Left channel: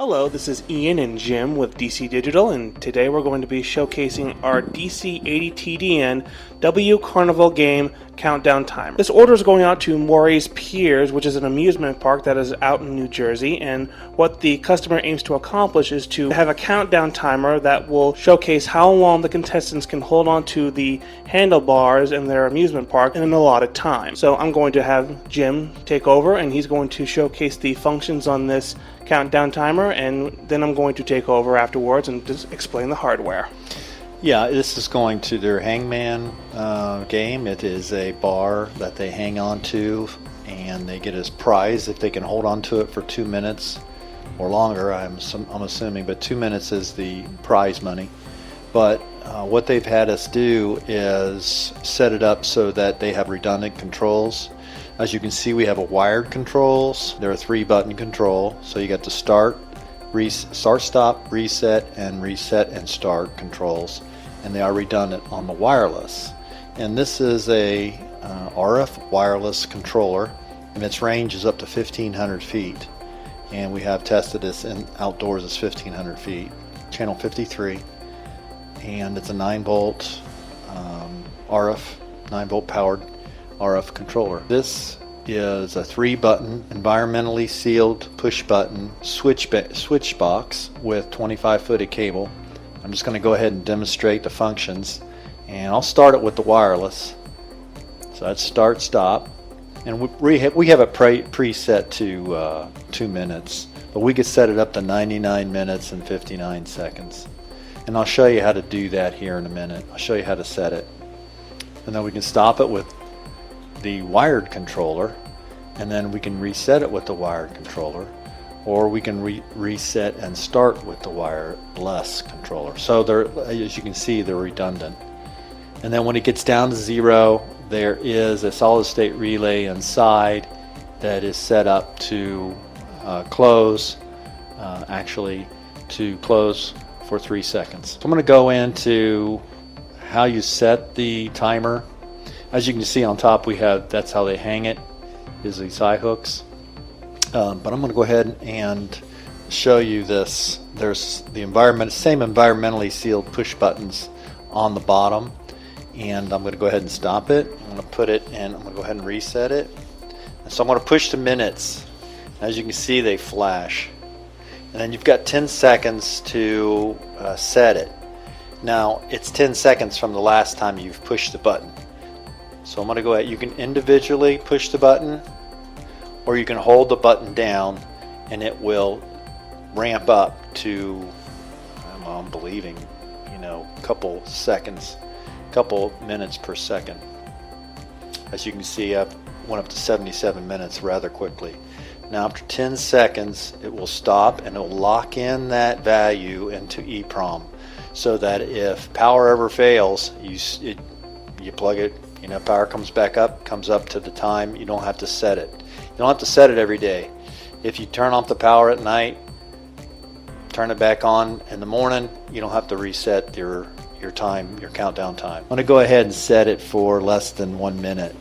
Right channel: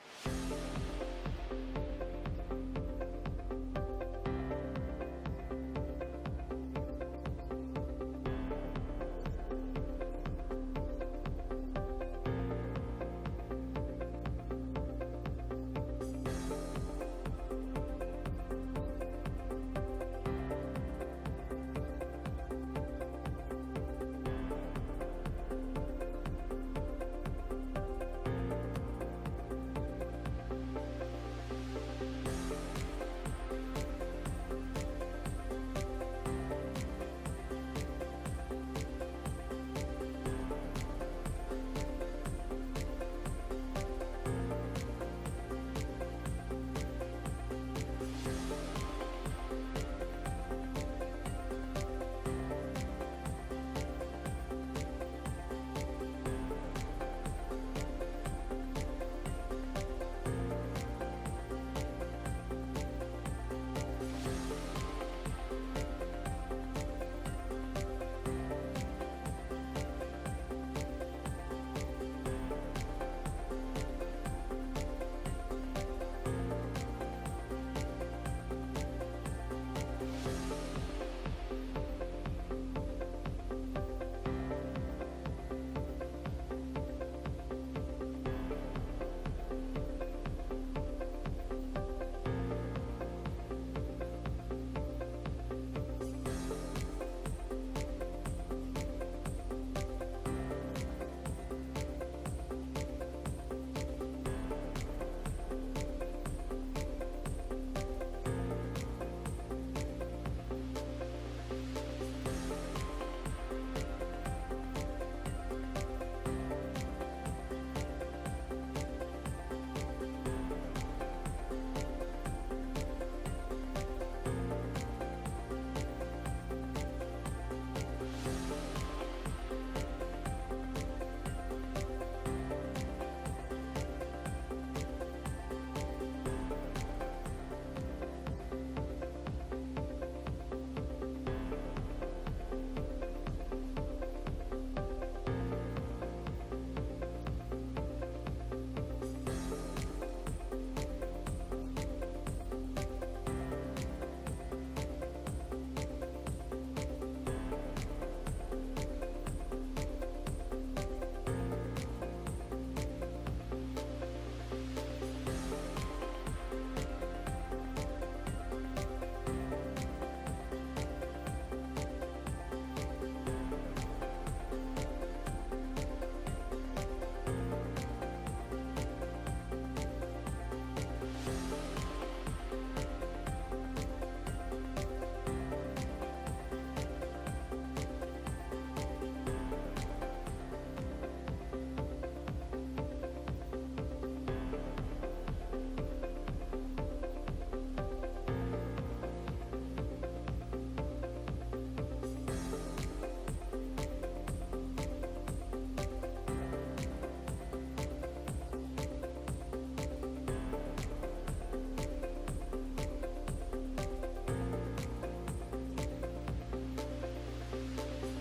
Hello, this is Ian and Jim with DC Digital, and today we're going to be showcasing our DC-80T-DN-W Carnival game countdown timer. This order is going out to Morey's Piers, which is an amusement park that is out in New Jersey, and what the customer aims to accomplish is to have a countdown timer that will showcase how long the contestants can hold on to the handlebars in their amusement park in an allotted time. So I'm going to have Jim take over, and he's going to showcase the functions on this countdown timer, and then I'm going to take over afterwards and just explain the hardware. Yeah, this is going to their hangman game. It is a bar that they hang on to, and they get as prize if they can hold on to it for 2 minutes or longer. I'm assuming, but 2 minutes is the prize money. But what they've had us do is set it up so that they have redundant controls. As you can see, we have a wired controls. There are 3-button control, so you got the start, stop, reset and start controls, and they are redundant on the wireless. And this is a RF wireless controller, and its range is up to 1,500 feet. And we have tested this in outdoors as 1,500 feet. Channel 53, and it's a 9-volt RF, 9-volt powered RF controller. This is a 3-button environmentally sealed push button switch box with 25-footed cable. I'm just going to go ahead and demonstrate the functions, and I'll start it with the wireless. So that's start, stop, and we have it preset to 2 minutes, but we could set it up to 99 minutes and 59 seconds. And I'll show you how to do that here in a minute. I'll show you how to set it. And then we can stop it with the wired controller, and then we can reset it with the wired controller, or we can reset and start with the wireless controller. So they're, as you can see, they're redundant. And then when it gets down to 0, there is a solid state relay inside that is set up to close, actually to close for 3 seconds. So I'm going to go into how you set the timer. As you can see on top, we have, that's how they hang it, is these high hooks. But I'm going to go ahead and show you this. There's the same environmentally sealed push buttons on the bottom, and I'm going to go ahead and stop it. I'm going to put it in, I'm going to go ahead and reset it. So I'm going to push the minutes. As you can see, they flash. And then you've got 10 seconds to set it. Now, it's 10 seconds from the last time you've pushed the button. So I'm going to go ahead, you can individually push the button, or you can hold the button down and it will ramp up to, I'm believing, a couple seconds, couple minutes per second. As you can see, I went up to 77 minutes rather quickly. Now after 10 seconds, it will stop and it will lock in that value into EEPROM, so that if power ever fails, you plug it, power comes back up, comes up to the time. You don't have to set it. You don't have to set it every day. If you turn off the power at night, turn it back on in the morning, you don't have to reset your time, your countdown time. I'm going to go ahead and set it for less than 1 minute.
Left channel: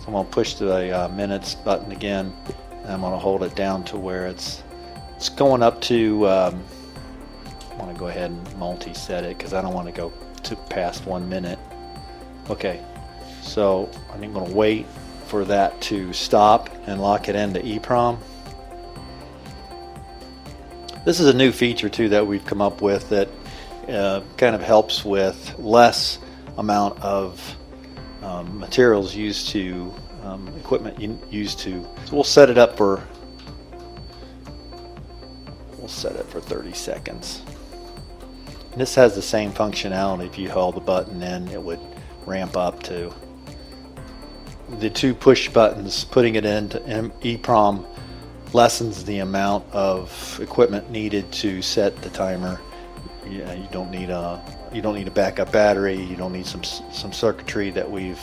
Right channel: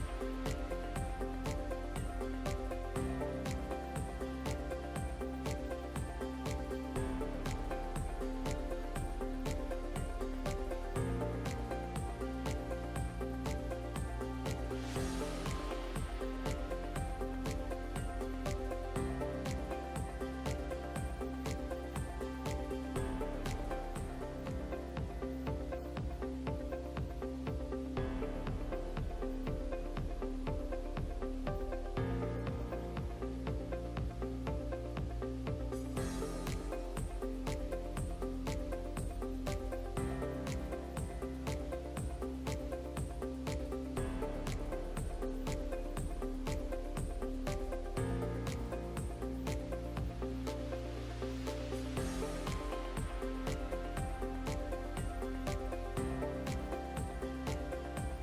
So I'm going to push the minutes button again, and I'm going to hold it down to where it's going up to, I want to go ahead and multi-set it because I don't want to go to past 1 minute. Okay, so I'm going to wait for that to stop and lock it into EEPROM. This is a new feature too that we've come up with that kind of helps with less amount of materials used to, equipment used to. So we'll set it for 30 seconds. And this has the same functionality. If you hold the button in, it would ramp up to the 2 push buttons. Putting it into EEPROM lessens the amount of equipment needed to set the timer. You don't need a backup battery. You don't need some circuitry that we've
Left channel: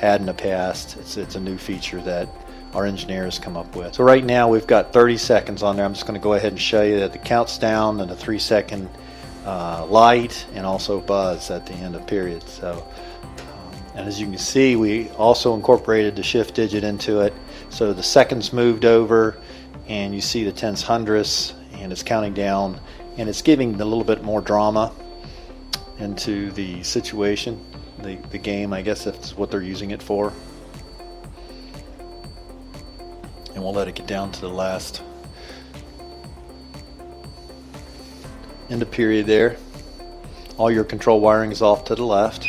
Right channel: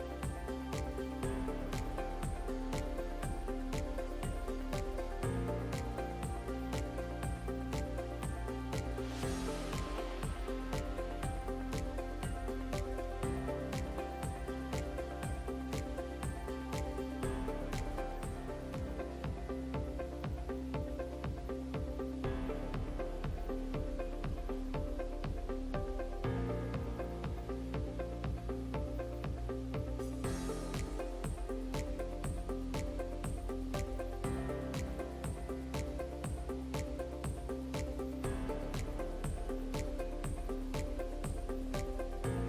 had in the past. It's a new feature that our engineers come up with. So right now we've got 30 seconds on there. I'm just going to go ahead and show you that the counts down and the 3-second light and also buzz at the end of period. So and as you can see, we also incorporated the shift digit into it, so the seconds moved over, and you see the tenths, hundredths, and it's counting down, and it's giving a little bit more drama into the situation, the game. I guess that's what they're using it for. And we'll let it get down to the last end of period there. All your control wiring is off to the left.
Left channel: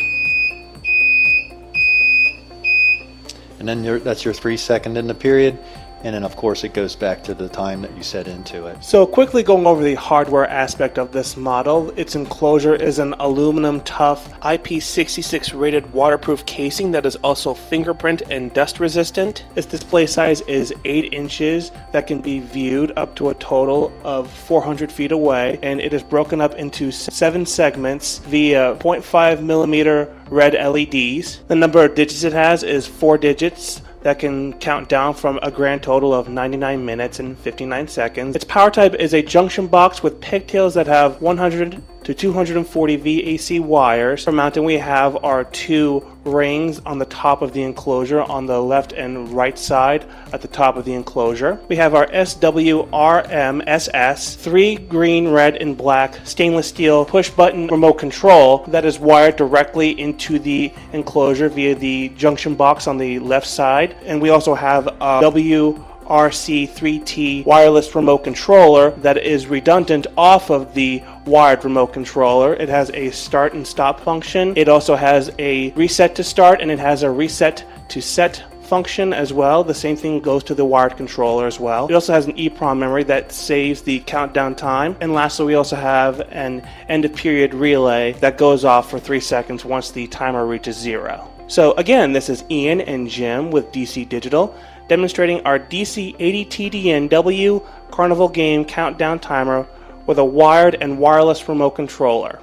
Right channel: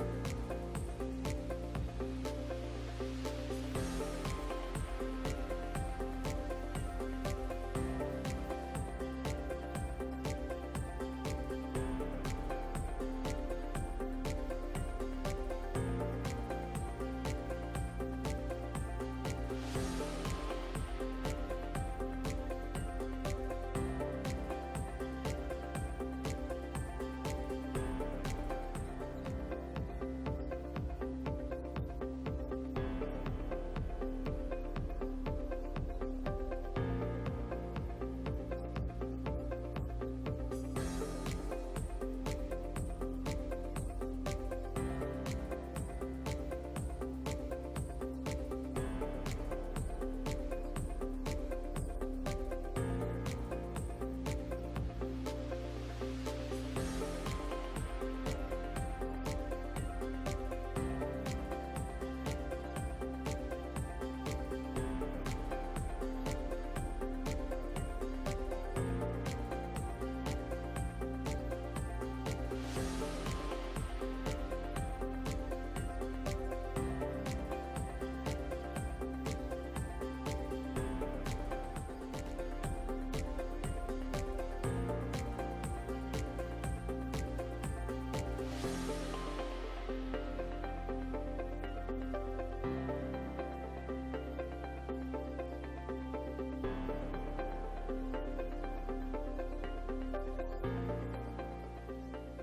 And then that's your 3-second in the period. And then of course it goes back to the time that you set into it. So quickly going over the hardware aspect of this model, its enclosure is an aluminum tough IP66 rated waterproof casing that is also fingerprint and dust resistant. Its display size is 8 inches that can be viewed up to a total of 400 feet away, and it is broken up into 7 segments via 0.5mm red LEDs. The number of digits it has is 4 digits that can count down from a grand total of 99 minutes and 59 seconds. Its power type is a junction box with pigtails that have 100 to 240 VAC wires. For mounting, we have our 2 rings on the top of the enclosure on the left and right side at the top of the enclosure. We have our SWRM-SS 3 green, red, and black stainless steel push button remote control that is wired directly into the enclosure via the junction box on the left side. And we also have a WRC3T wireless remote controller that is redundant off of the wired remote controller. It has a start and stop function. It also has a reset to start, and it has a reset to set function as well. The same thing goes to the wired controller as well. It also has an EEPROM memory that saves the countdown time. And lastly, we also have an end of period relay that goes off for 3 seconds once the timer reaches 0. So again, this is Ian and Jim with DC Digital, demonstrating our DC-80T-DN-W Carnival game countdown timer with a wired and wireless remote controller.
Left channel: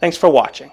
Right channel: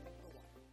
Thanks for watching.